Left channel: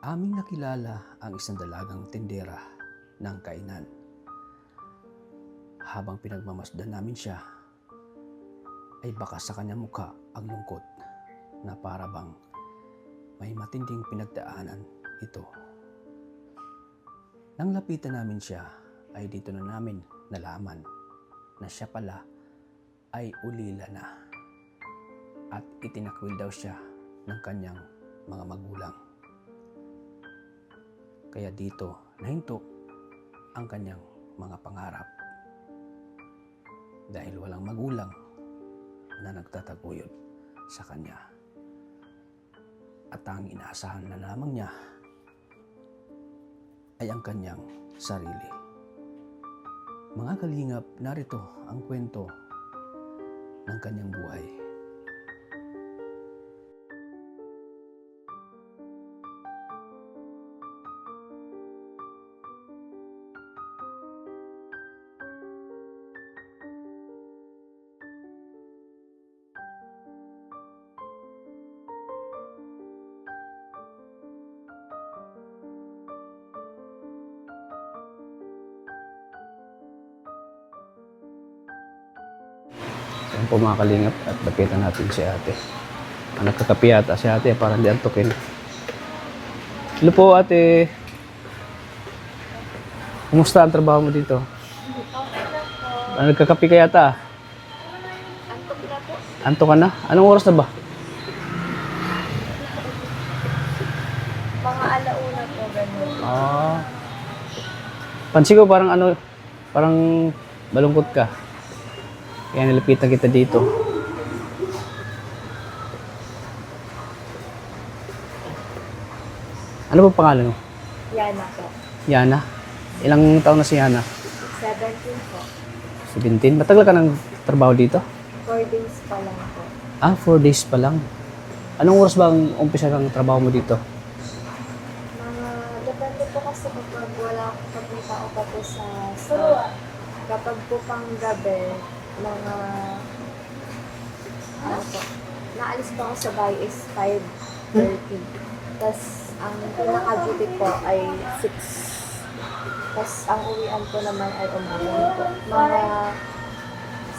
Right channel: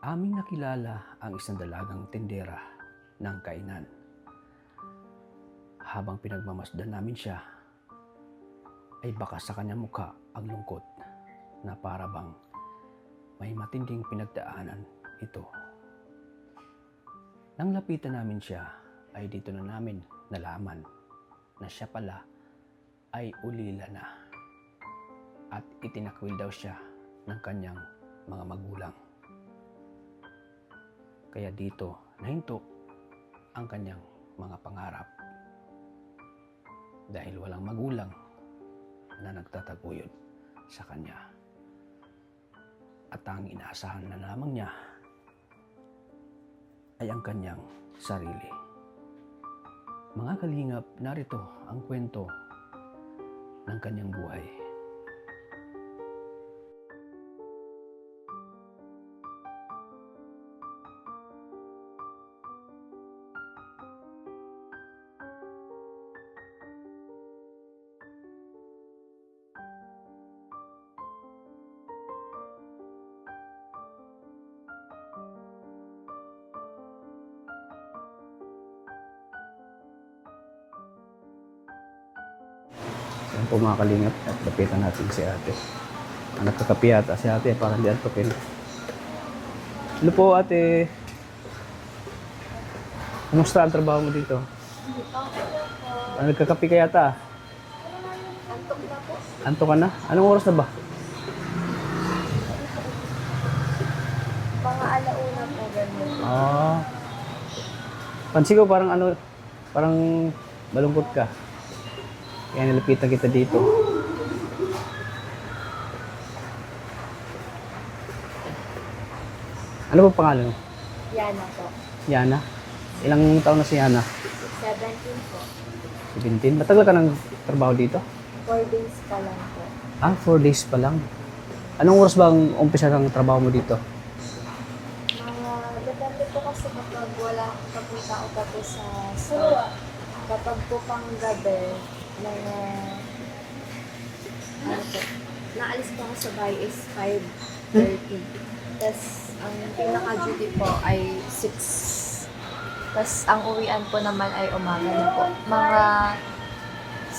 Aming nakilala ang isang dalagang tindera ng kainan. Habang pinagmamasdan namin siya, ay baka sa kanyang mukha ang lungkot na para bang may matinding pinagdaanan ito. Nang lapitan namin siya, ay dito na namin nalaman na siya pala ay ulila na at itinakwil daw siya ng kanyang mga magulang. Kaya dito nahinto ang kanyang mga pangarap dahil walang magulang na nagtataguyod sa kanya. At ang inaasahan na lamang niya ay ang kanyang sarili. Mga kalingap, narito ang kwento ng kanyang buhay. Yan po mga kalingap, at lapitan natin si ate. Ang nagkakapi yata si ate, parang hindi antukin. Hello po ate. Kumusta ang trabaho mo dito? Okay lang po. Nagkakapi ka yata? Antok na po. Anto ka na? Anong oras na ba? Mga alauna po, gano'n. Pansin ko parang parang malungkot ka. Kaya nilapitan kita dito. Ano ba pangalan mo? Yana po. Yana? Ilang taon na si Yana? 17 po. 17? Matagal ka ng trabaho dito? 4 days pa lang po. 4 days pa lang. Anong oras ba ang umpisa ng trabaho mo dito? Depende po kasi kapag wala akong kapunta o tapos sa store. Kapag po pang gabi, mga naalis po ako sa bahay is 5:30. Tapos ang pinaka-duty po ay 6. Tapos ang uwian po naman ay umaga na po. Mga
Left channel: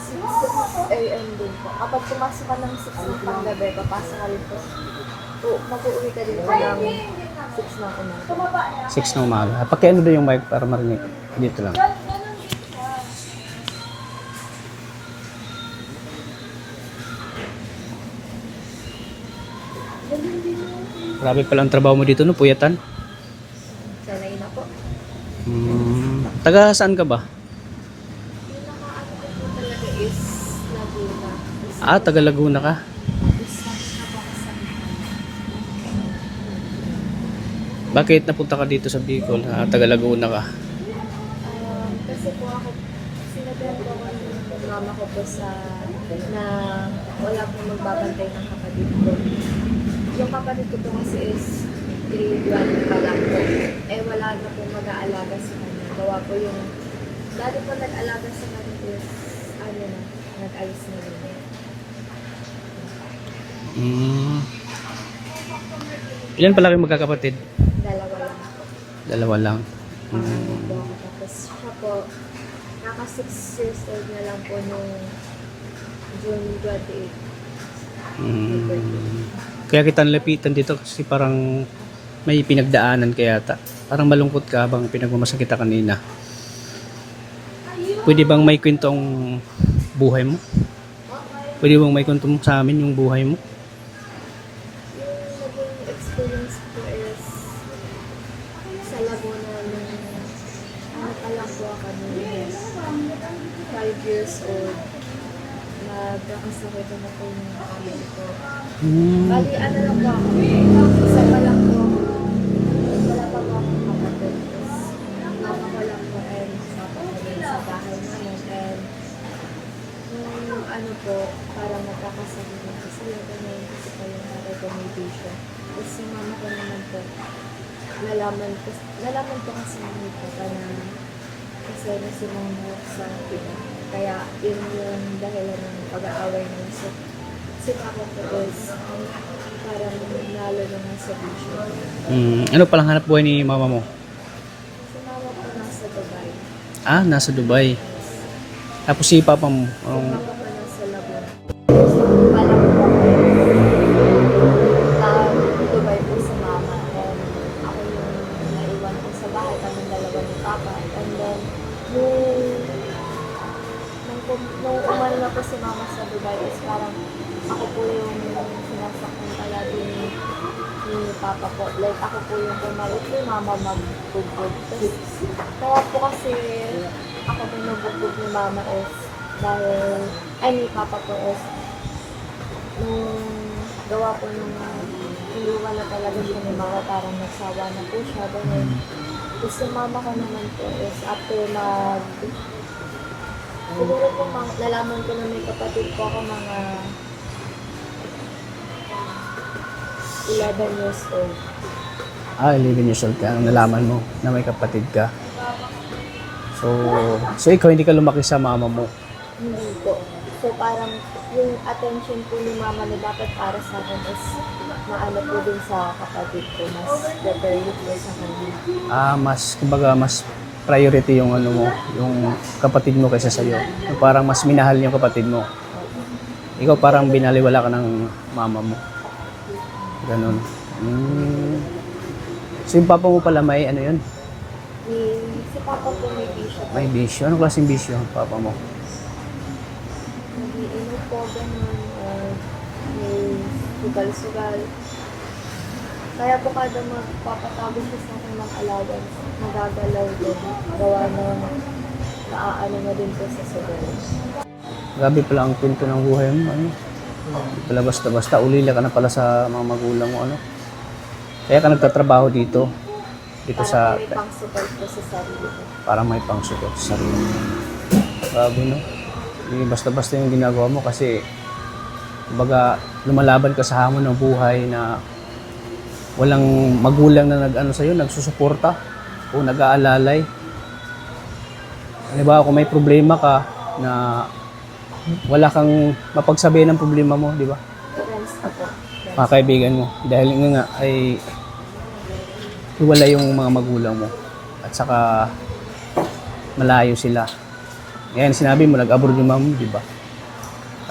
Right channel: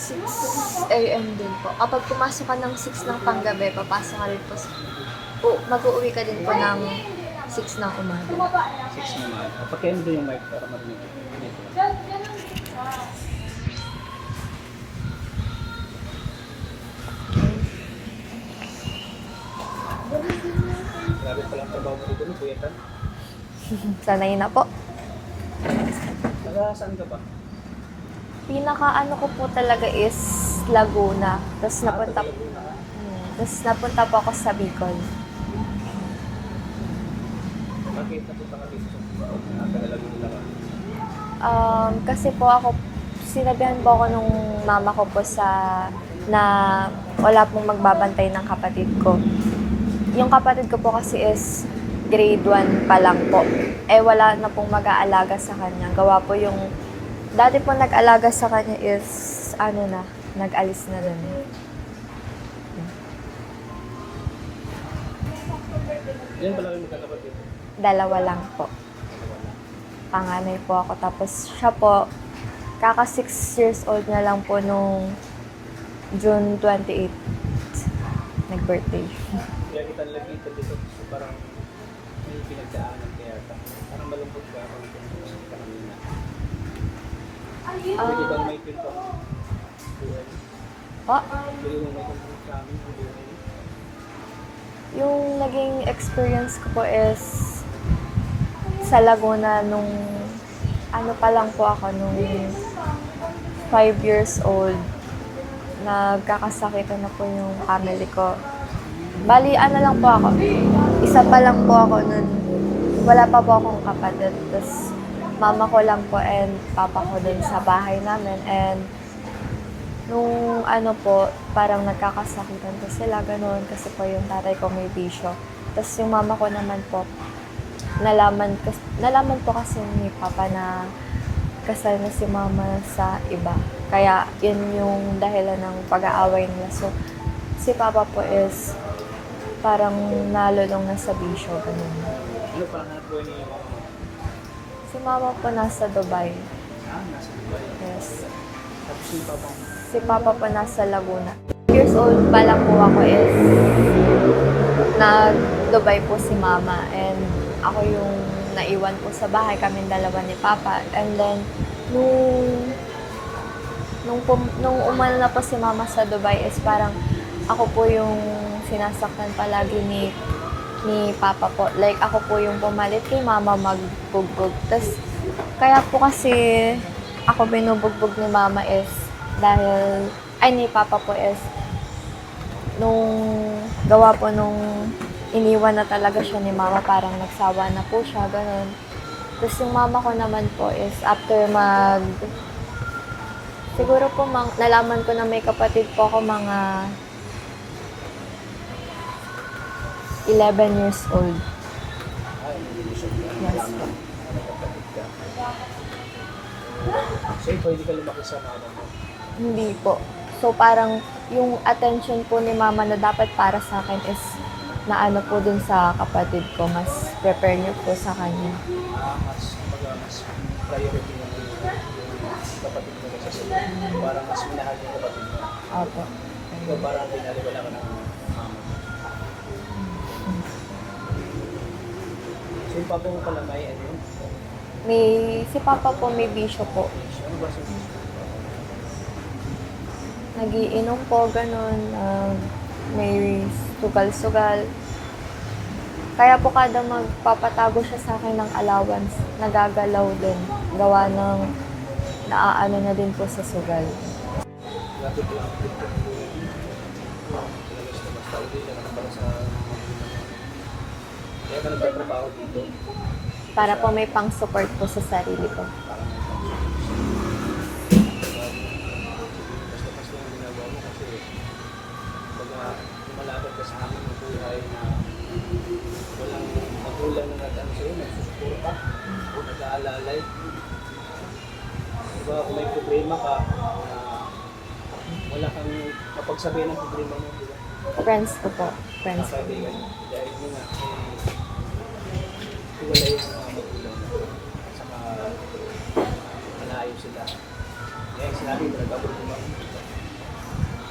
6 a.m. din po. Kapag pumasok ka ng 6 ng panggabi, papasok ka rin po mag-uuwi ka din po ng 6 ng umaga. 6 na umaga. Pakiano doon yung mic para marinig. Dito lang. Grabe pala ang trabaho mo dito, no? Puyatan. Sanay na po. Taga saan ka ba? Pinaka-ano ko po talaga is Laguna. Tapos Taga Laguna ka? Tapos napunta po ako sa Bicol. Bakit napunta ka dito sa Bicol? Taga Laguna ka? Kasi po ako, sinabihan po ako nung mama ko po na wala pong magbabantay ng kapatid ko. Yung kapatid ko po kasi is grade 1 pa lang po. Wala na pong mag-aalaga sa kanya. Gawa po yung, dati po nag-alaga sa kanya is, nag-alis na rin. Ilan pala kayong magkakapatid? 2 lang po. 2 lang. Panganay po ako. Tapos siya po, kaka 6 years old na lang po nung June 28. Birthday. Kaya kita nilapitan dito kasi parang may pinagdaanan kaya yata. Parang malungkot ka habang pinagmamasakit kita kanina. Pwede bang may kwento ang buhay mo? Po? Pwede bang may kwento sa amin yung buhay mo? Yung naging experience ko po is sa Laguna nung pa lang po ako nung 5 years old. Nagkakasakitan na po yung family ko. Bali, lang po ako. Isa pa lang po ako nun. Wala pa po akong kapatid. Tapos, mama ko lang po and papa ko dun sa bahay namin. And, nung parang nagkakasakitan po sila, ganun. Kasi po yung tatay ko may bisyo. Tapos, yung mama ko naman po, nalaman po kasi ni papa na kasal na si mama sa iba. Kaya, yun yung dahilan ng pag-aaway niya. So, si papa po is parang nalulong na sa bisyo. Ano palang hanap buhay ni mama mo? Si mama po nasa Dubai. Nasa Dubai. Yes. Tapos si papa mo? Si papa po nasa Laguna. Years old pa lang po ako is nag-Dubai po si mama and ako yung naiwan po sa bahay, kaming dalawa ni papa. And then, nung umano na po si mama sa Dubai is parang ako po yung sinasaktan palagi ni papa po. Like, ako po yung pumalit kay mama magbugbog. Tapos, kaya po kasi ako binubugbog ni mama is dahil, ni papa po is nung gawa po nung iniwan na talaga siya ni mama, parang nagsawa na po siya, ganun. Tapos yung mama ko naman po is after siguro po nalaman ko na may kapatid po ako mga 11 years old. 11 years old ka. Nalaman mo na may kapatid ka. So ikaw hindi ka lumaki sa mama mo. Hindi po. So parang yung attention po ni mama na dapat para sa akin is naano po dun sa kapatid ko. Mas prepare niyo po sa kanya. Kumbaga mas priority yung yung kapatid mo kaysa sa'yo. Parang mas minahal yung kapatid mo. Opo. Ikaw parang binaliwala ka ng mama mo. Ganon. So yung papa mo pala may ano yun? Si papa po may bisyo po. May bisyo. Anong klaseng bisyo ang papa mo? Nagiinom po, ganun. May sugal-sugal. Kaya po kada magpapatago siya sa akin ng allowance, nagagalaw din. Gawa ng naaano na din po sa sugal. Grabe pala ang punto ng buhay mo. Pala basta-basta, ulila ka na pala sa mga magulang mo. Kaya ka nagtatrabaho dito. Para po may pang-support po sa sarili ko. Para may pang-support sa sarili mo. Grabe, no? Hindi basta-basta yung ginagawa mo kasi kumbaga lumalaban ka sa hamon ng buhay na walang magulang na nagsusuporta o nag-aalalay. Halimbawa kung may problema ka na wala kang mapagsabihan ng problema mo, di ba? Friends ko po. Mga kaibigan mo. Dahil nga ay wala yung mga magulang mo at saka malayo sila. Ngayon sinabi mo, nag-abroad yung mama mo, di ba?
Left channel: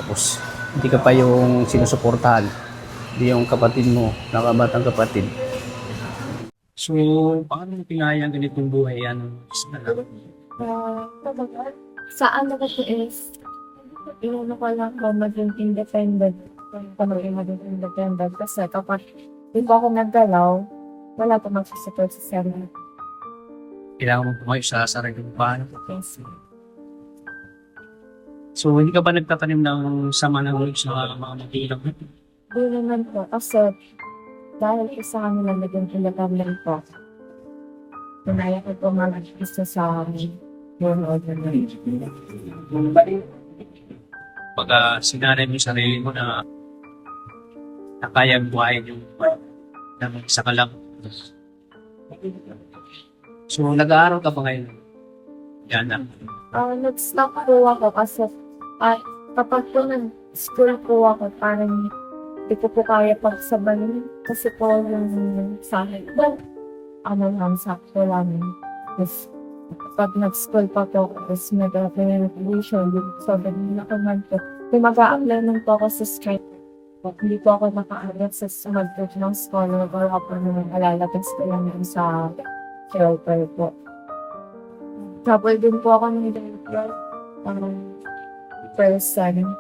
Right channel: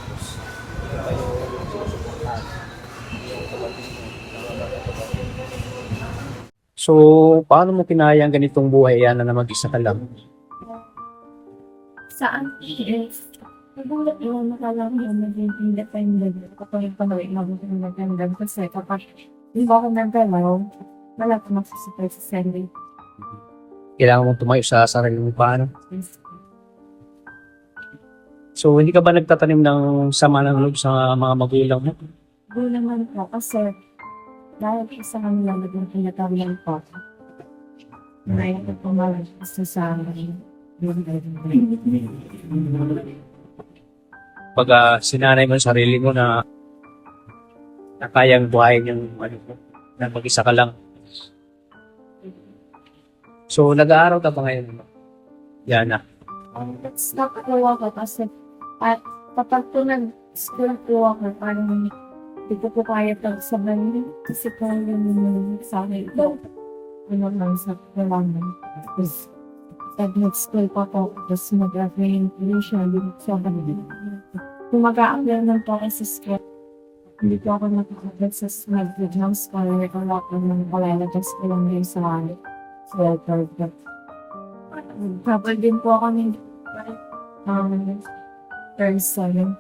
Tapos hindi ka pa yung sinusuportahan. Hindi yung kapatid mo, nakabatang kapatid. So, paano mo kinaya ang ganitong buhay yan na mag-isa ka lang? Saan na kasi is, yung ko lang ako maging independent. Kapag ko maging independent. Kasi kapag hindi ako naggalaw, wala pa magsusupport sa sarili. Kailangan mong tumayo sa sarili mo paano? Yes. So, hindi ka ba nagtatanim ng sama ng loob sa mga magulang mo? Doon naman po, kasi dahil po sa kanila naging independent po, pinaya ko po mag-isa sa yung overnight. Pag sinanay mo sa sarili mo na kayang buhayin yung na mag-isa ka lang. So, nag-aaral ka ba ngayon? Yana. Nag-stop po ako kasi kapag po nag-school po ako, parang hindi ko po kaya pagsabanin kasi po yung sa akin po, lang, sakto lang. Tapos, pag nag-school pa po, tapos nag-apply ng tuition, so, hindi na ako kung mag-a-apply nun po ako sa straight, hindi po ako naka-agad sa mag-good ng scholar, wala po nung kalalabas ko lang yun sa shelter po. Couple din po ako ng person.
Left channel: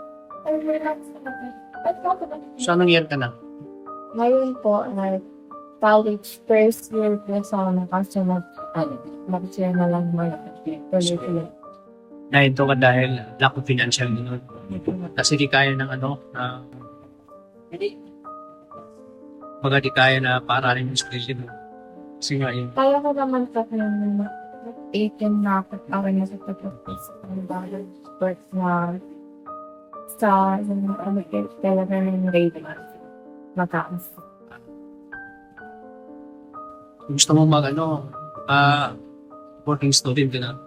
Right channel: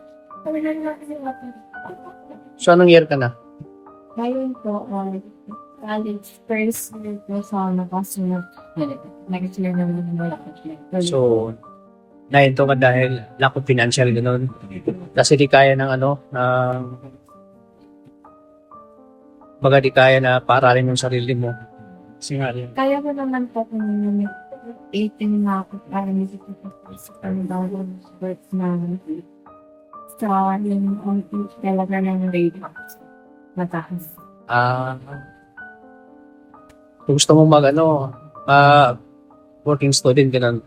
So, anong year ka na? Ngayon po, college first year po sana kasi next year na lang So, nahinto ka dahil lack of financial gano'n. Kasi di kaya ng baga di kaya na paaralin yung sarili mo. Kasi nga yun. kaya ko naman po kung 18 na ako para nakapagpapos sa panibagong work na sa yung talaga ng grade mataas. Kung gusto mo working student ganun,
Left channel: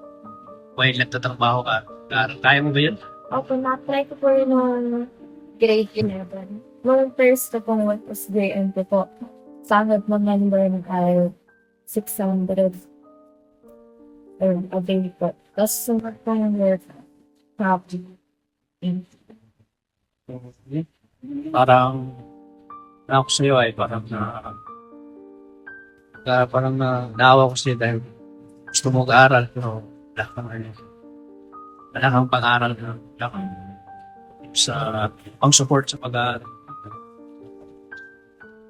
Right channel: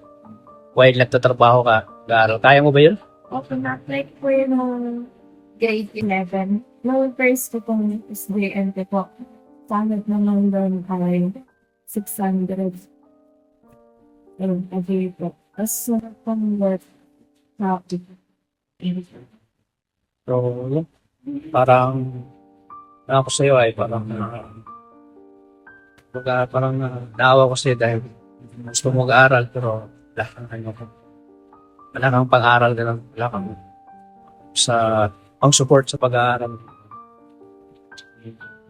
while nagtatrabaho ka, kaya mo ba yun? Opo, na-try ko po yun nung grade 11. Nung first ko pong was JNT po, sahod naman doon ay 600 a day po. Tapos sunod pong work, happy. So, yun. Parang, ako sa'yo ay parang parang naawa ko sa'yo dahil gusto mo mag-aaral pero wala kang wala kang pang-aral ganun. Wala kang sa pang-support sa pag-aaral.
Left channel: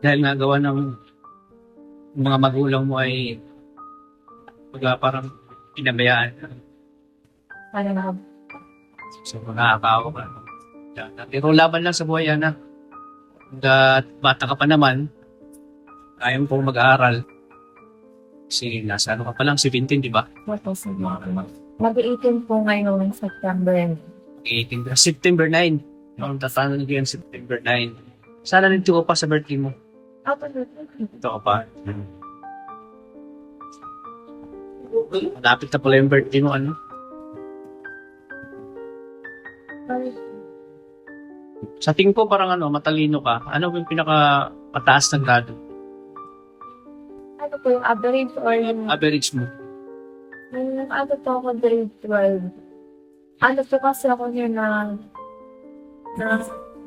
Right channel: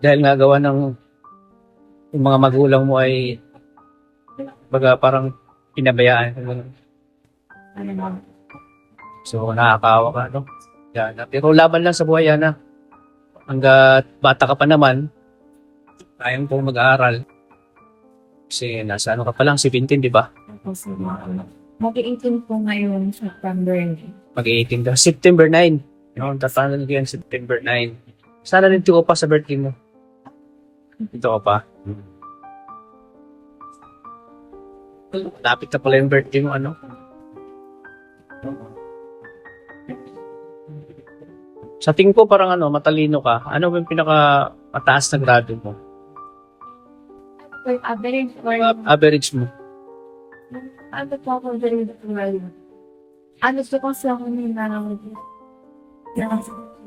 Dahil nga gawa ng yung mga magulang mo ay parang pinabayaan. Ganun. Parang So, nakakaawa ka, no? Yan. Pero laban lang sa buhay, yan, na. Hanggat bata ka pa naman, kaya mo pong mag-aaral. Kasi nasa ano ka pa lang, 17, di ba? mag-18 po ngayong September. Mag-18 ka. September 9. Yung tatanan ko yan, September 9. Sana nito ko pa sa birthday mo. Dito ka pa. Malapit na pala yung birthday mo, ano? Sa tingin ko parang matalino ka. Ano ba yung pinaka mataas na grado mo? Ano po yung average or yung Average mo. ano po ako grade 12. Ano po kasi ako niya na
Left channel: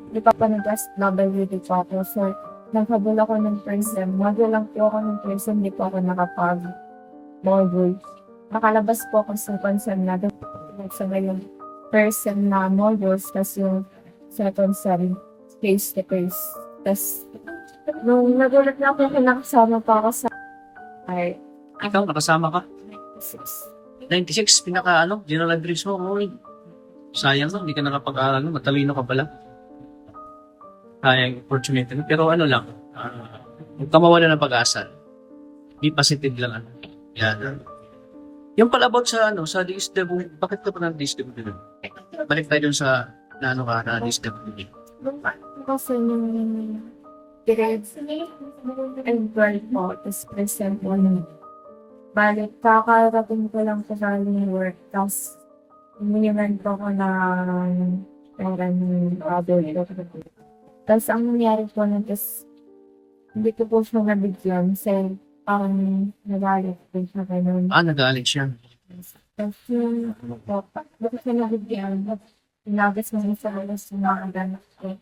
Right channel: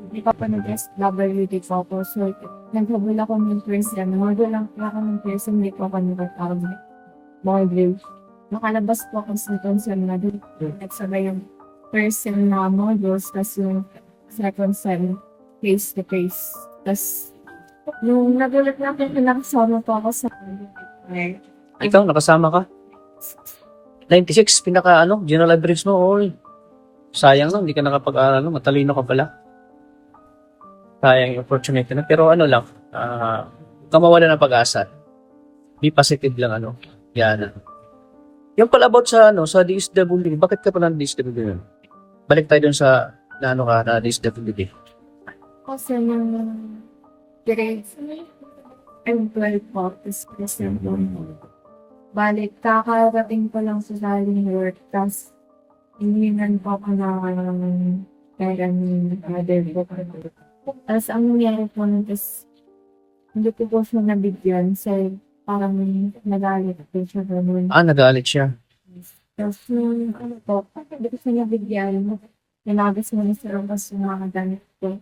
di pa pa nag-SWD po ako. So, naghabol ako ng person. Module lang po ako ng person. Hindi po ako nakapag-module. Nakalabas po ako sa concern na doon. Nagsabay yung person na modules. Tapos yung second sem face-to-face. Tapos, nung nagulat na ako, nakasama pa ako sa Ikaw, nakasama ka? 96, general average mo. Oy. Sayang no, hindi ka nakapag-aral, no? Matalino ka pala. Sayang yung opportunity na. Pero lang, huwag ka mawala ng pag-asa. Be positive lang, Yan. Yung pala about sa DSWD, bakit ka pa ng DSWD yun? Balik tayo dun sa, na DSWD. Kasi nung grades and 12 po, tapos present po balik, kakarating ko lang sa galing work, tapos iniwan po ako ng pera ng other ko. Tapos ang nangyari po nun is, hindi ko po siya nabigyan, kasi parang nagalit po siya ganun. Nagalit siya. Tapos yung hindi ko siya nabigyan, inagas mo sa labas yung mga gamit ko.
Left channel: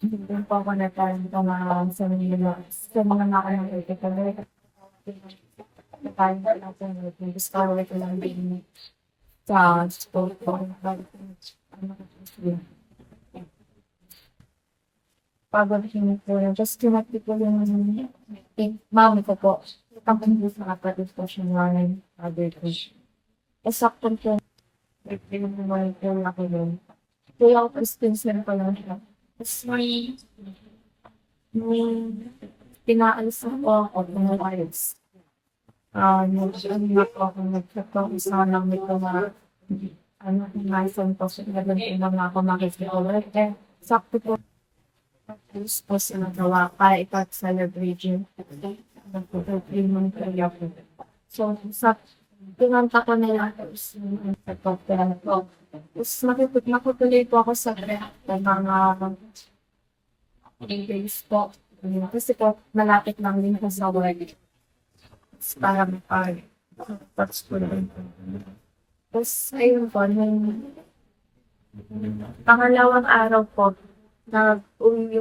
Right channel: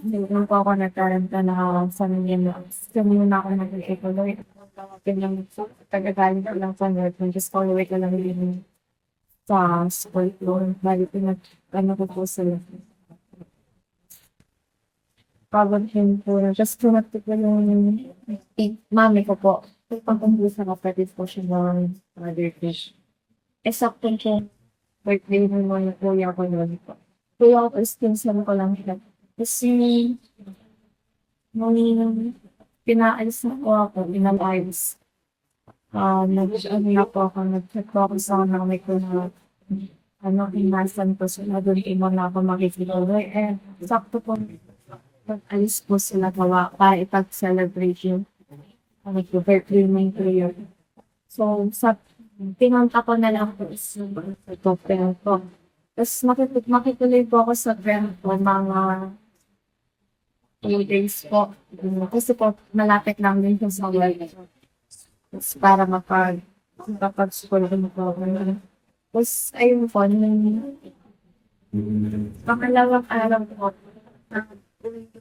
Hindi po ako nagkaranta na sa mga na ako nagkikaloy. Ganyan po, tagagaling ko lang sa work. Just kaway ko lang din sa school ko. Bali ko ko po sila. Pagod yun po lang. Just tinati ko yung mami ko po. Tapos po sa kapatid ko siya mami, father ko. Sakto po, birthday ng mga kuya ko yun. Kuya ko, sponsor ko lang siya. Tapos yung pinaalis na po ako, pinapayos. Nag-ano po ako, nag-check po ako sa nanay ko na himasan po sila doon po na ako makikita. Sakto po, pag-alis po sila gawa para ipag-celebrate yung birthday ng kuya ko. So, pinanta ko na lang po sa pagpapel ko. Tapos makituloy po ako sa friend ko, mga 2 days po. Kasi po, malapit lang din po sa work. Tapos para mapag-school din po ako. Tapos, ayun po, nung pangalawang araw po, nag-uwi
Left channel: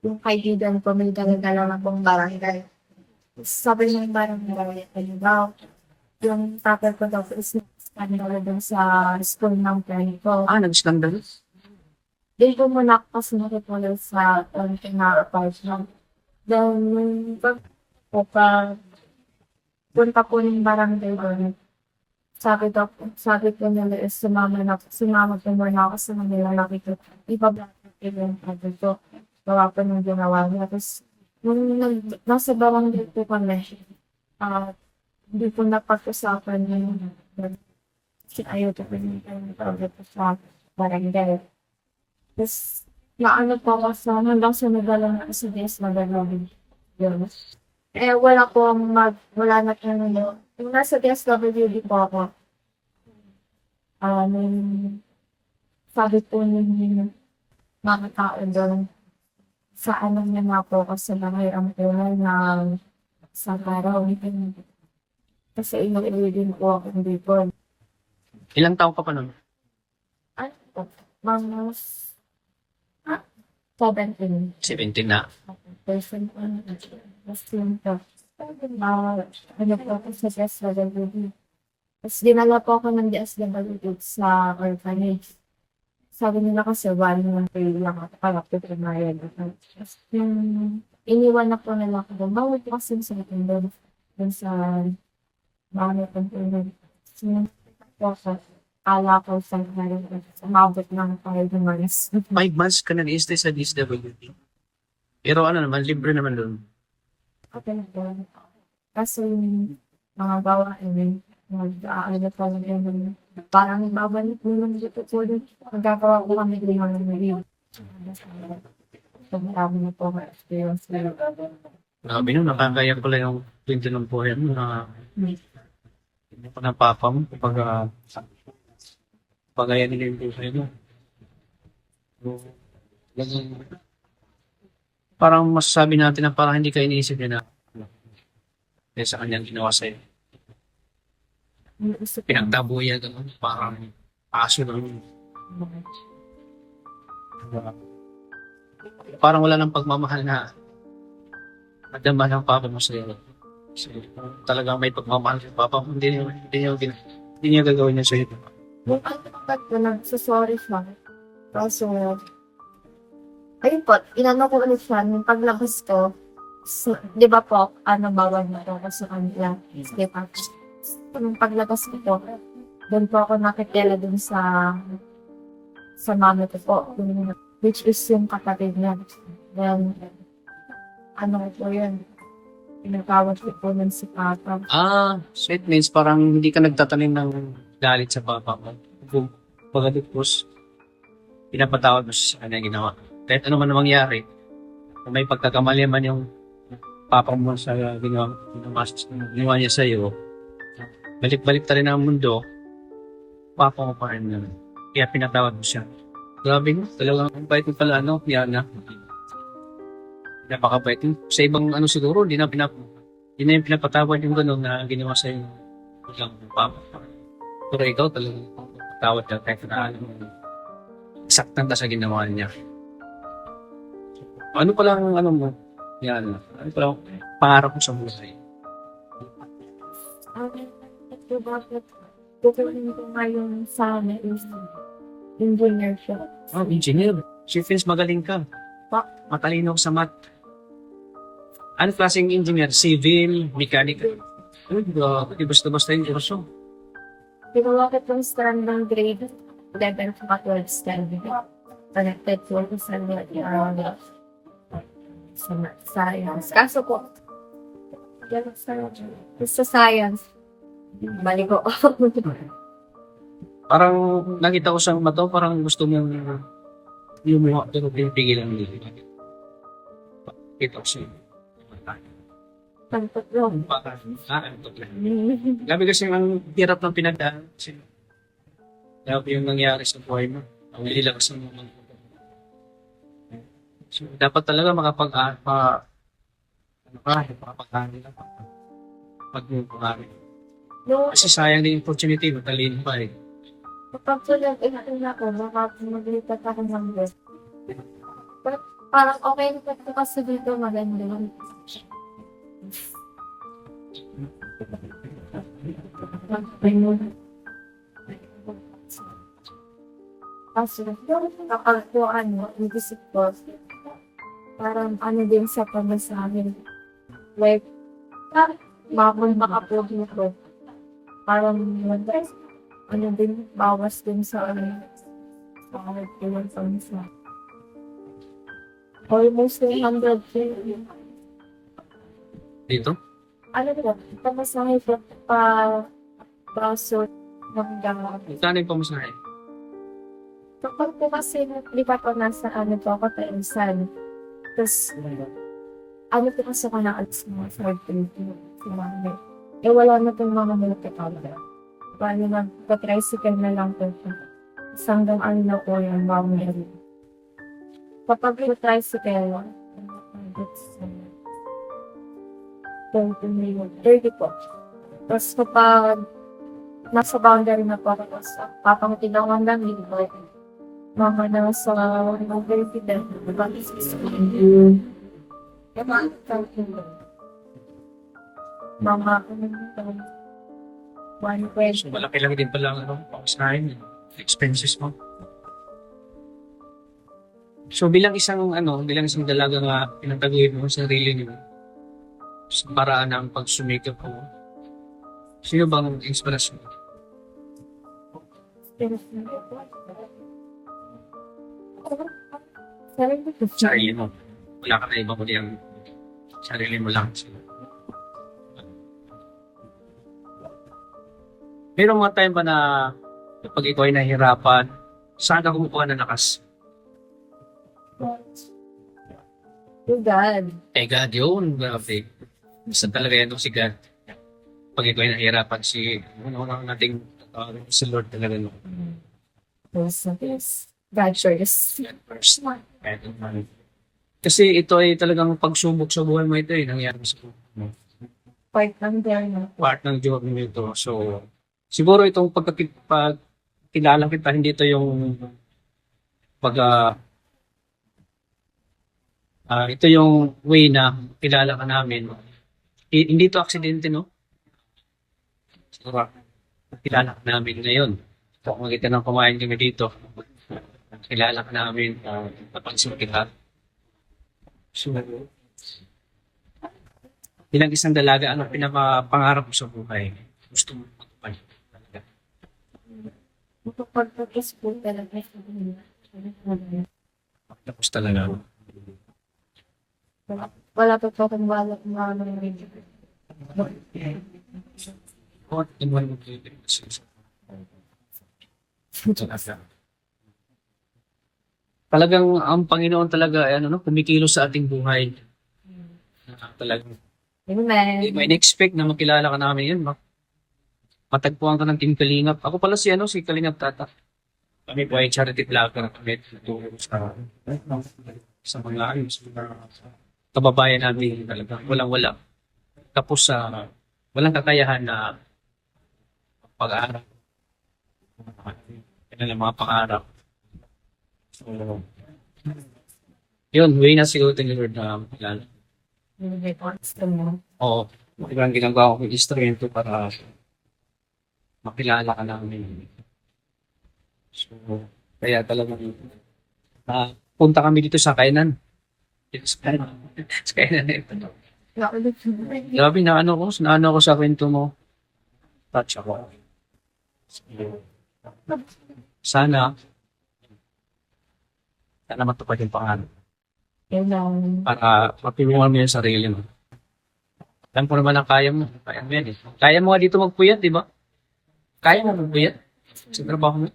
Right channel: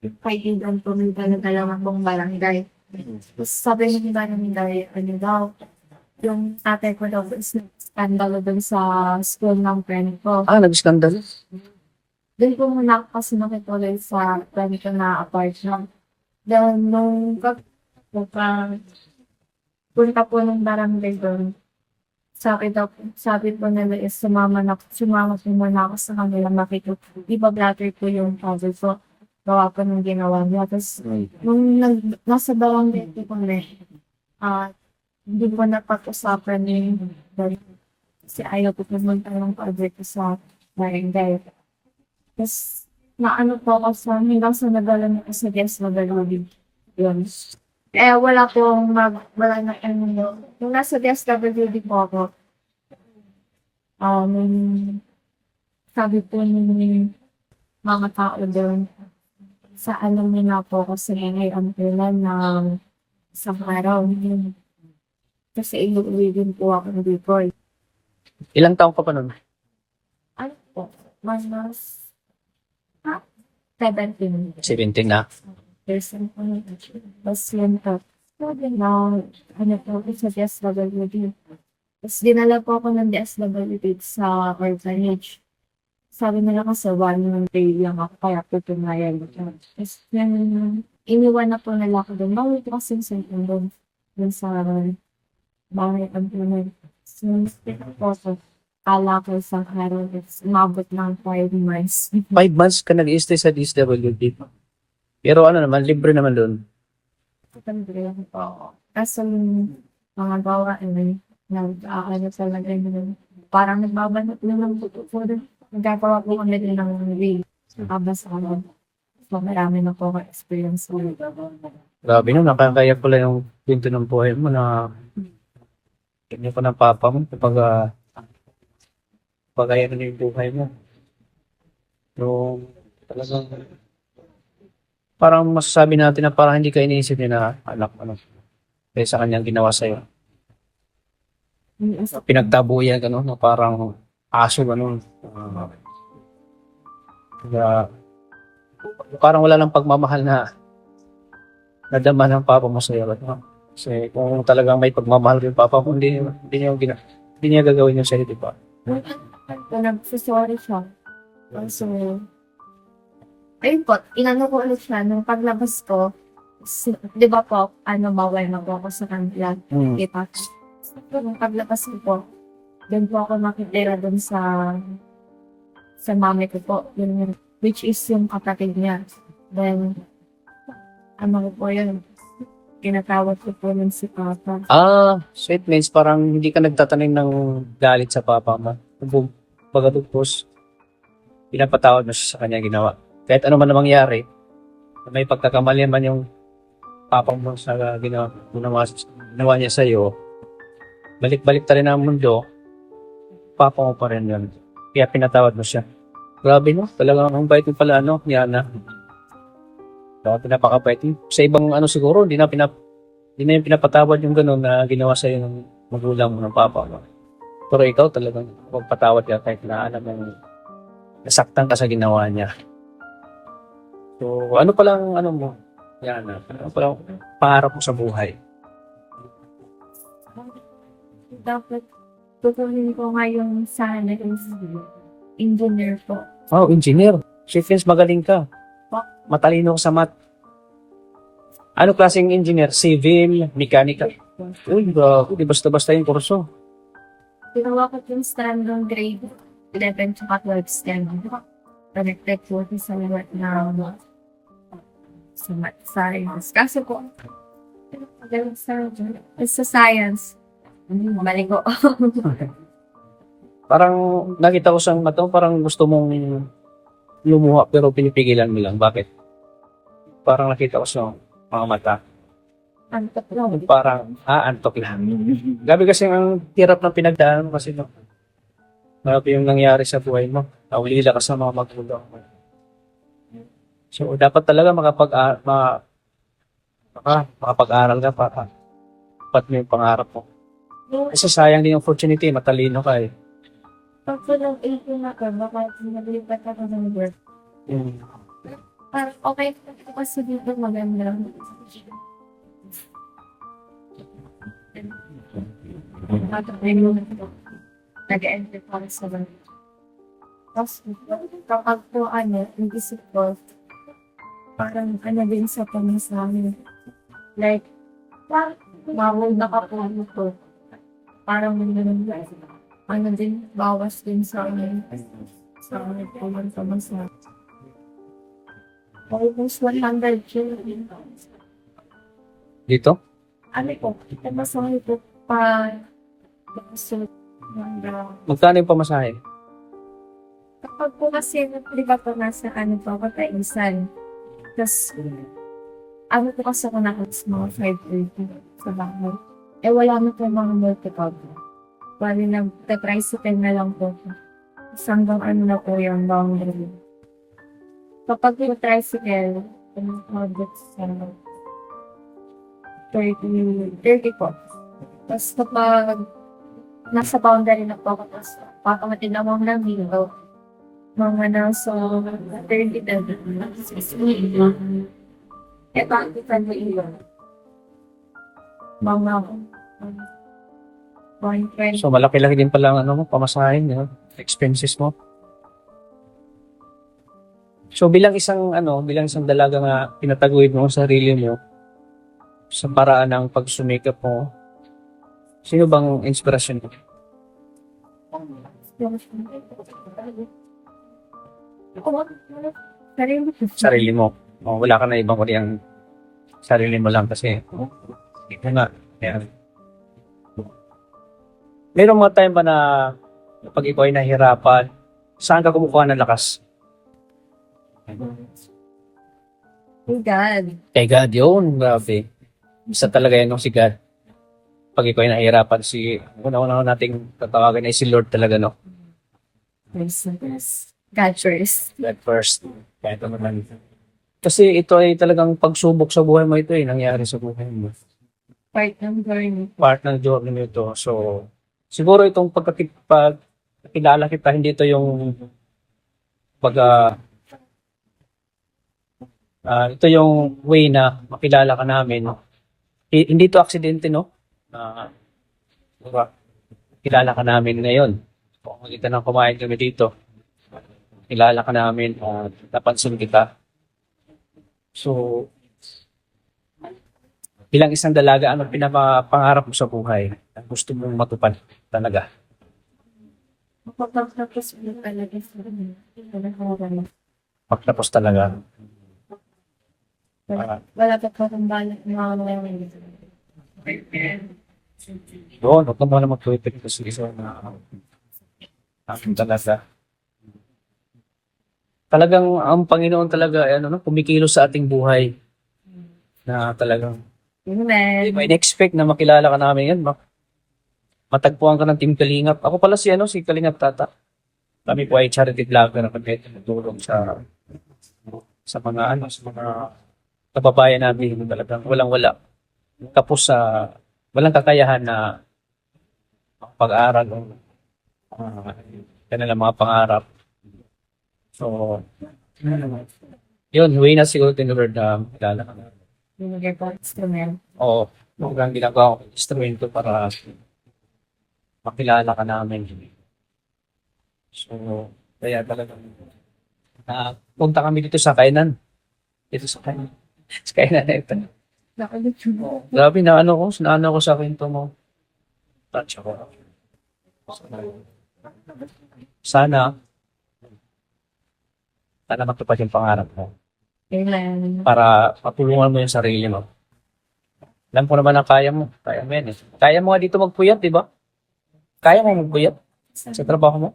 yung kaibigan ko, may dala-dala na pong barangay. Tapos sabi ng barangay, yung tatay ko daw is skandalo dun sa school ng friend ko. Nag-skandal? Doon po muna ako kasi nakituloy sa friend ko na apartment. Then, nung punta po ng barangay doon, sabi po nila is sumama po muna ako sa kanila nakita. Iba brother po yung father ko. Baka po nung ginawa niya. Tapos, nung nasa barangay po kami, hindi po napag-usapan yung kasi ayaw po pumunta yung father ko sa barangay. Tapos, naano po ako hanggang sa nagala na ako sa guest na galawin. Yun. Wala na yung nasa DSWD po ako, sabi po mga tao doon. Sa ano niya na po kasi nangyayampunan ng isang araw. Kasi inuwi din po ako dito. Ilang taong ka pa nun? Ano po? Mga 17. 17 na. Person po. Tapos yun po. Now, ano po ako sa DSWD. Tapos dinala po ako ng DSWD sa orphanage. Sabi nila kasi 1 month lang ako kaya po pumayag. Tapos yun, iniwan na po nila ako doon. Bawal po kasi sa doon sa bawal ang tunay. Since po sa kala ko sa araw, umabot ng 5 months. 5 months ka nag-stay sa DSWD. Pero ano naman, libre naman doon. Kapag lang po. Kaso mga bawa, nag-aano talaga yun. Parang nagbabanot naman dito po doon. Magkakawa po kami din ng way. Kabas ako. So, marami na po ako experience na. Grabe no, nakakayak pala yung kwento ng buhay mo na ganyan pa ng papa mo kapag ayan na yung buhay mo. So, talagang parang masasabi natin na parang hindi ka iniisip niya na anak kaya sa kanyang ginawa sa'yo. Pinagtabuyan ka no, na parang aso gano'n. Parang wala nang pagmamahal na nadama ng papa mo sa'yo. No? Kasi kung talagang may pagmamahal yung papa mo, hindi niya gagawin yun sa'yo, di ba? Pag nagsasorry siya. Kaso, ayun po, inano ko ulit siya nung paglabas ko. Di ba po, bawal na po ako sa kanila. Kita. Nung paglabas ko po, doon po ako nakitira doon sa mami ko po. Yun, which is yung kapatid niya. Then, ano po yun? Tinatawag ko po nun si Papa. So it means parang hindi ka nagtatanim ng galit sa papa mo. Pagkatapos, pinapatawad mo siya sa kanya ginawa. Kahit ano man na mangyari, kung may pagkakamali man yung papa mo sa ginawa niya sa'yo, balik-balik ta rin ang mundo, papa mo pa rin yun. Kaya pinatawad mo siya. Grabe no, talagang ang bait mo pala, Yana. Pinapakabait. Sa ibang siguro, hindi na yung pinapatawad yung gano'n na ginawa sa'yo ng magulang mo, ng papa mo. Pero ikaw talagang magpatawad ka kahit na alam mo nasaktan ka sa ginawa niya. So, ano palang mo, Yana? Ano palang pangarap mo sa buhay? Ito dapat tutuloy ko ngayon sana is engineer po. Oh, engineer. Si Vince, magaling ka. Matalino ka sa math. Ano klaseng engineer? Civil, mechanical? Uy, di basta-basta yung kurso. Ginawa ko itong strand ng grade 11 to 12 STEM. Connected po ako sa lahat ng science. Kaso po, sa science, mali ko. Parang nakita ko sa mata, parang gusto mong lumuha pero pinipigilan mo lang. Bakit? Parang nakita ko sa mga mata. Antok lang. Parang, antok lang. Gabi kasi ang hirap ng pinagdaan mo kasi grabe yung nangyari sa buhay mo. Naulila ka sa mga magulang mo. So, dapat talaga makapag-aral ka para dapat mo yung pangarap mo. Kasi sayang din yung opportunity, matalino ka eh. Kapag po nag-18 ako, baka maglipat ako ng work. Parang okay na po kasi dito maganda. Nag-enter po ako sa work. Kaso, kapag po nag-isip ko, parang din sa pamasahin. Like, bawal na ka po dito. Parang din, bawas din sa pamasahin. Almost 100 yun. Dito? Ano po, pamasahe po baso ng Magkano yung pamasahe? kapag po kasi, di ba po nasa po ako Taisan. Tapos, po kasi ako nakalis mga 5:30 sa bahay. Wala na po mga multiple. Bali, nag-tricycle na lang po. Tapos hanggang na po yung boundary. kapag yung tricycle, umabot sa 30 po. Tapos kapag nasa boundary na po ako, tapos papamatid ako ng lamig, mga nasa 30 na, 60. Eh, bakit ka na ilan? Mga 120. So, malaki-laki din pala ang ano mo, pamasahin mo, expenses mo. So, bilang isang dalaga nga, pinataguyod mo ang sarili mo sa paraan ng pagsumikap mo, sino bang inspirasyon mo? Sarili mo. O, wala ka na ibang kundi ang sarili mo lang kasi. Ito nga. Kaya, merong mga time ba na pag ikaw ay nahihirapan, saan ka kumukuha ng lakas? God. Kay God yun, grabe. Isa talaga yan nung si God. Pag ikaw ay nahihirapan, una-una nating tatawagan ay si Lord talaga, no? Yes. God first. God first. Kaya ito naman. Kasi ito ay talagang pagsubok sa buhay mo ito nangyari sa buhay mo. Part ng journey. Part ng journey mo ito. So, siguro itong pagkakilala kita, hindi ito yung ito yung way na makilala ka namin. Hindi ito aksidente, no? Siguro, makilala ka namin ngayon. Kung makita ng kumain kami dito, kilala ka namin, napansin kita. So, bilang isang dalaga, anong pinapangarap mo sa buhay? Ang gusto mong matupad talaga? Kapag-tapos po talaga sa Pagtapos talaga. wala pa po akong balak na Doon, huwag ka muna mag-tweet kasi isa na talaga. Talagang ang Panginoon talaga ay kumikilos sa ating buhay na talagang hindi Amen. mo in-expect na makilala ka namin yan. Matagpuan ka ng Team Kalingap. Ako pala si Kalingap Tata. Kami po ay charity vlogger na kami tumutulong sa mga kababayan namin talagang walang-wala. Tapos walang kakayahan na pag-aaral o kanilang mga pangarap. So, yun, way na siguro ni Lord na kilala ka na. Oo, ibang ginagawa ko yung instrumento para makilala ka namin. So, kaya talagang punta kami dito sa kainan. Dito sa kainan. Sa kainan na ito. Grabe na ko sa kwento mo. Touch ako. Sana matupad yung pangarap mo. Amen. Para matulungan mo yung sarili mo. Alam ko naman na kaya mo. Kaya mo yan eh. Kaya mo nga dito magpuyat, di ba? Kaya mo magpuyat sa trabaho mo.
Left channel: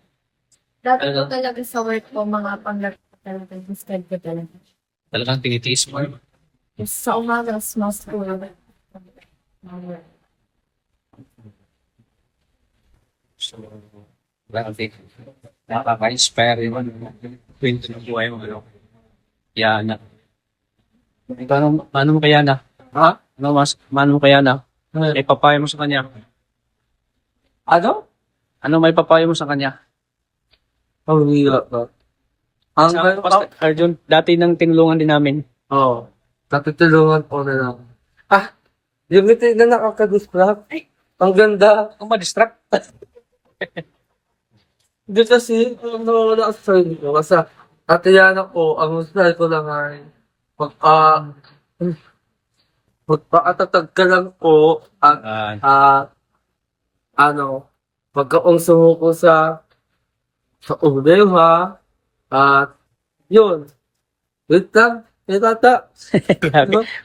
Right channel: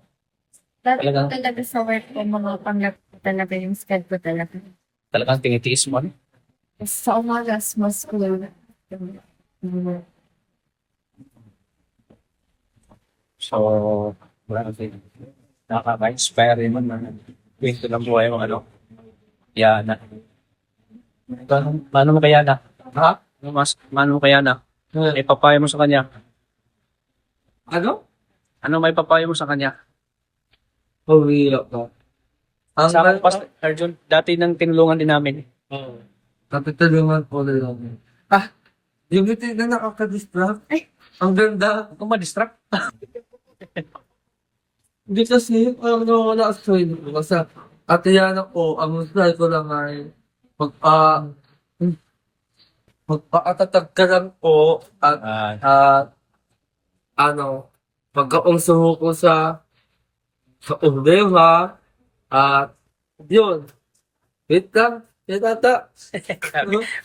Dati po talaga sa work ko, mga panglap talaga yung schedule talaga. Talagang tinitiis mo. Sa umaga, small school. So, wala kang nakaka-inspire yung kwento ng buhay mo, Yana. Paano mo kay Yana? Ha? Paano mo kay Yana? May papayo mo sa kanya? Ano? Ano may papayo mo sa kanya? Oh, wala ka. Sa amin, Pastor Arjun, dati nang tinulungan din namin. Oo. Tatutulungan po na lang. Yung ito na nakaka-distract. Ang ganda. Kung ma-distract. Hindi kasi, na-assign ko. Kasi, Ate Yana po, ang style ko na nga, magpakatatag ka lang po, at, pagkaungsuho ko sa problema, at, yun. Wait lang, tata.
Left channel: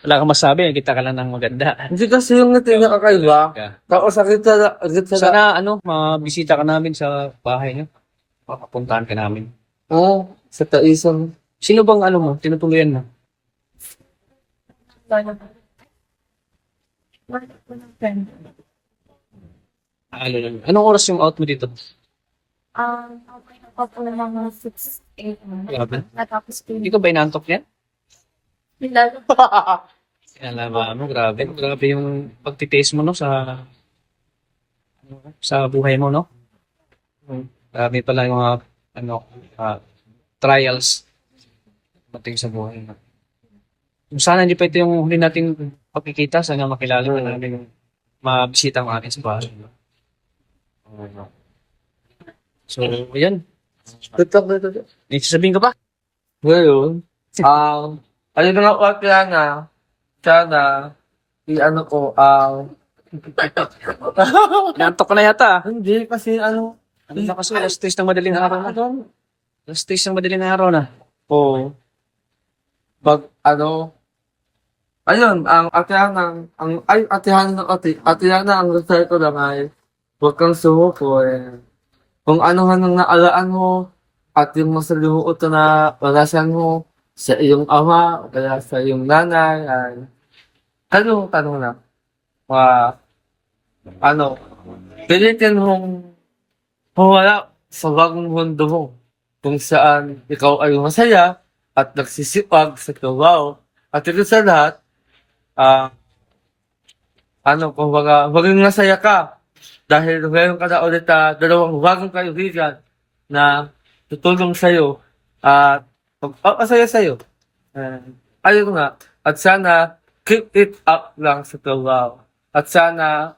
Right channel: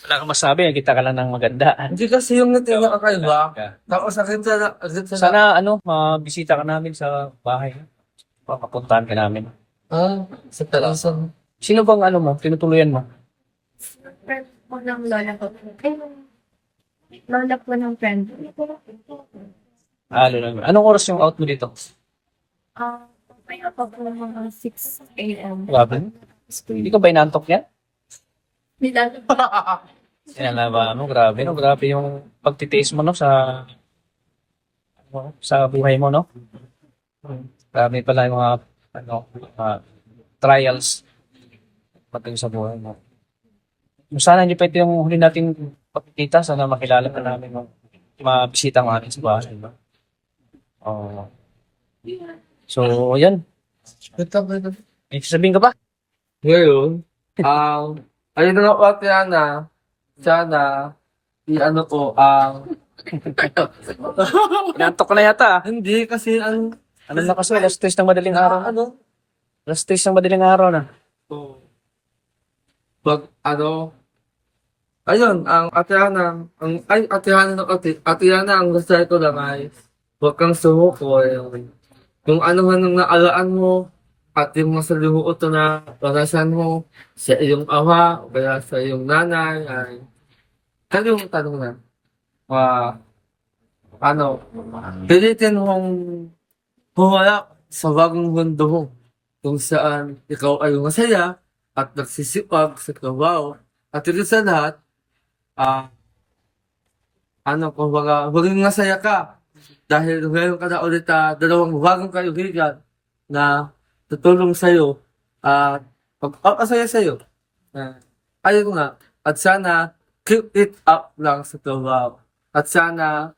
Wala kang masabi, kita ka lang ng maganda. Hindi kasi yung natin nakakaiba. Tapos sakit sa Sana mabisita ka namin sa bahay niyo. Papuntahan ka namin. sa taisan. Sino bang tinutuluyan mo? Friend po ng lola ko. Ay, lola po ng friend. Anong oras yung out mo dito? Mamaya pa po mga 6 a.m. Grabe. Natapos ko Hindi ka ba inantok yan? Nilalaro. Sinalaba mo, grabe, no? Grabe yung pagtitiis mo, no, sa buhay mo, no? Grabe pala yung mga, trials pati sa buhay mo. Sana hindi pa ito yung huli nating pagkikita. Sana makilala ka namin yung mabisita ng amin sa bahay, no? Oo. So, yan. May sasabihin ka pa? Ngayon, ayun na nga po, Atiana. Sana, i-ano ko, Inantok ka na yata. hindi kasi Ano na kasi, last days ng madaling araw na. Last days ng madaling araw na. Oo. Pag, ayun, Atiana, ang gusto ko lang ay, huwag kang sumuko, kung ano man ang naalaan mo, at yung masalimuot na wanasan mo, sa iyong ama, o kaya sa iyong nanay, ano yung tanong na? Pilitin mong humala sa bagong mundo mo, kung saan ikaw ay masaya, at nagsisipag sa trabaho. At ito sa lahat, kumbaga, maging masaya ka. Dahil meron ka na ulit dalawang bagong kaibigan na tutulong sa'yo at pagpapasaya sa'yo. Ayun nga. At sana, keep it up lang sa trabaho. At sana,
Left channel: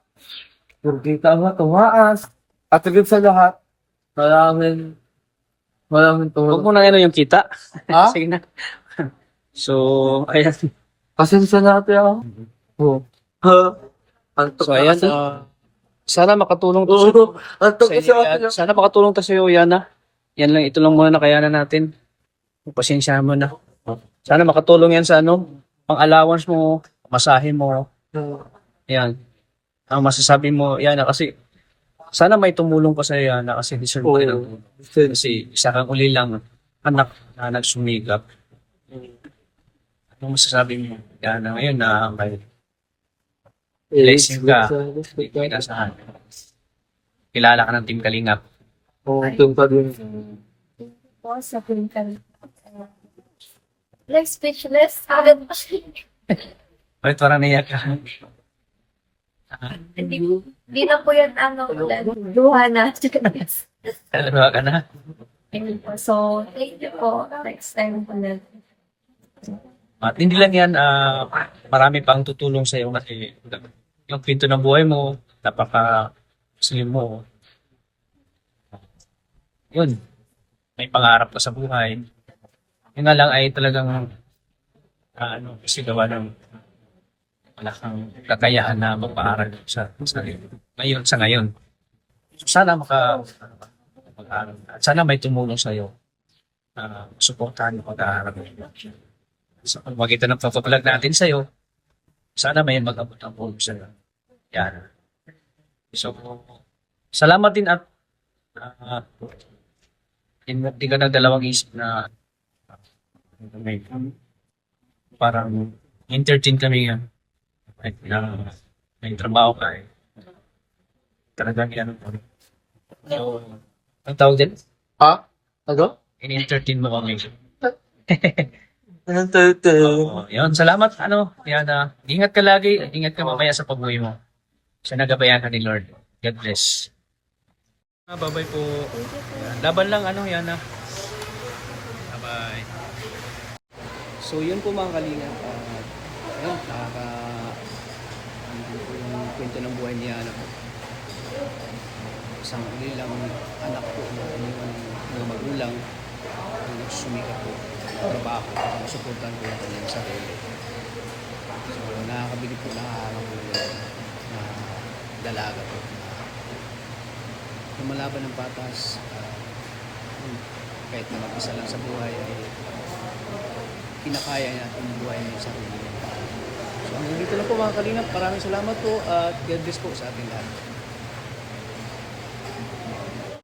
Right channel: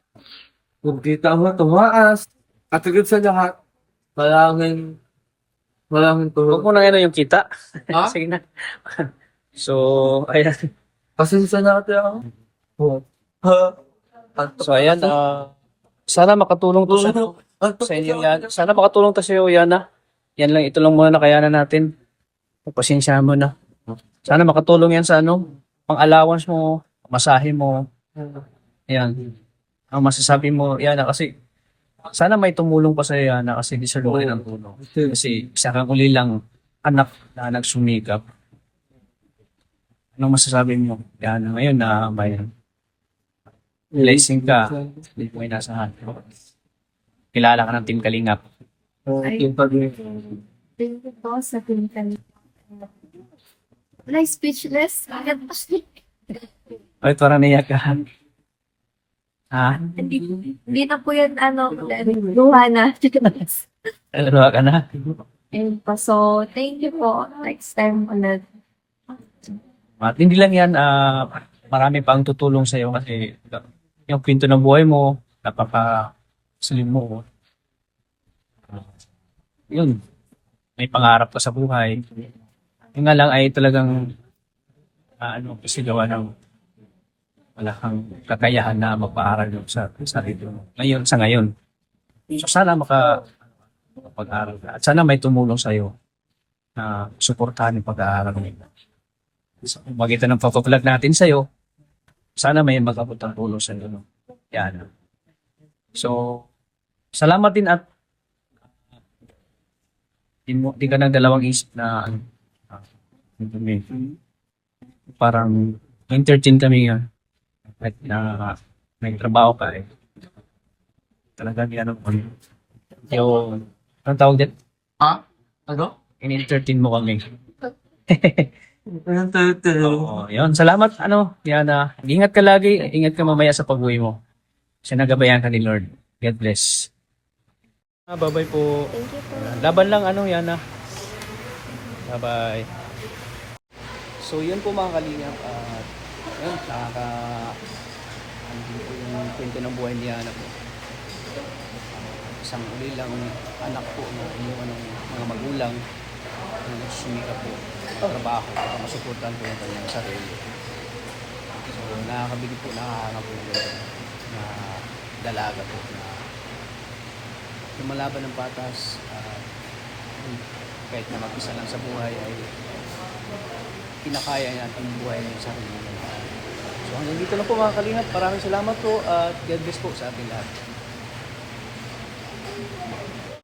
kung kita mo tumaas, at higit sa lahat, maraming Huwag tulong. mo na yung kita. Ha? Sige na. So, ayan. Pasensya na ate ako. Oo. So, ayan. Sana makatulong to sa inyo yan. Sana makatulong to sa iyo, Yana. Yan lang, ito lang muna na kayanan natin. Pagpasensyahan mo na. Sana makatulong yan sa pang-allowance mo, masahe mo. Yan. Ang masasabi mo, Yana, kasi sana may tumulong pa sa iyo, Yana, kasi deserve mo rin ang tulong. Kasi isa kang uli lang anak na nagsumikap. Anong masasabi mo, Yana, ngayon na may blessing ka, hindi ko inasahan. Kilala ka ng Team Kalingap. Oo, itong pag-uwi. Thank you po sa pinkan. Like speechless. Agad pa siya. Ay, parang naiyak ka. Ha? Hindi na po yan, luha na. Naluha ka na? Ayun po. So, thank you po. Next time ulit. At hindi lang yan, marami pang tutulong sa'yo kasi yung kwento ng buhay mo, napaka-slim mo. Yun, may pangarap ka sa buhay. Yun nga lang ay talagang kasi gawa ng wala kang kakayahan na magpaaral sa sarili mo. Sa ngayon. So sana makapag-aral ka. At sana may tumulong sa'yo na suportahan yung pag-aaral mo. So, kung makita ng pag-vlog natin sa'yo, sana may mag-abot ng tulong sa'yo. No? Yan. So, salamat din at di ka nagdalawang isip na parang entertain kami nga. Kahit na may trabaho ka talagang yung anong tawag dyan? Ha? Ano? In-entertain mo kami. Anong tayo? Oo, yun. Salamat, Yana. Ingat ka lagi. Ingat ka mamaya sa pag-uwi mo. Siya nagabayan ka ni Lord. God bless. Bye-bye po. Thank you po. Yan. Laban lang, Yana. Bye-bye. So, yun po mga kalingap. At, yun, din po yung kwento ng buhay ni Yana po. Isang uli lang anak po na iniwan ng mga magulang na nagsusumika po ng trabaho para masuportahan po yung kanyang sarili. So, nakakabili po, nakakanga po yung na dalaga po na lumalaban ng patas kahit na mag-isa lang sa buhay ay kinakaya natin yung buhay niya yung sarili niya. So hanggang dito lang po mga kalingap. Maraming salamat po at God bless po sa ating lahat.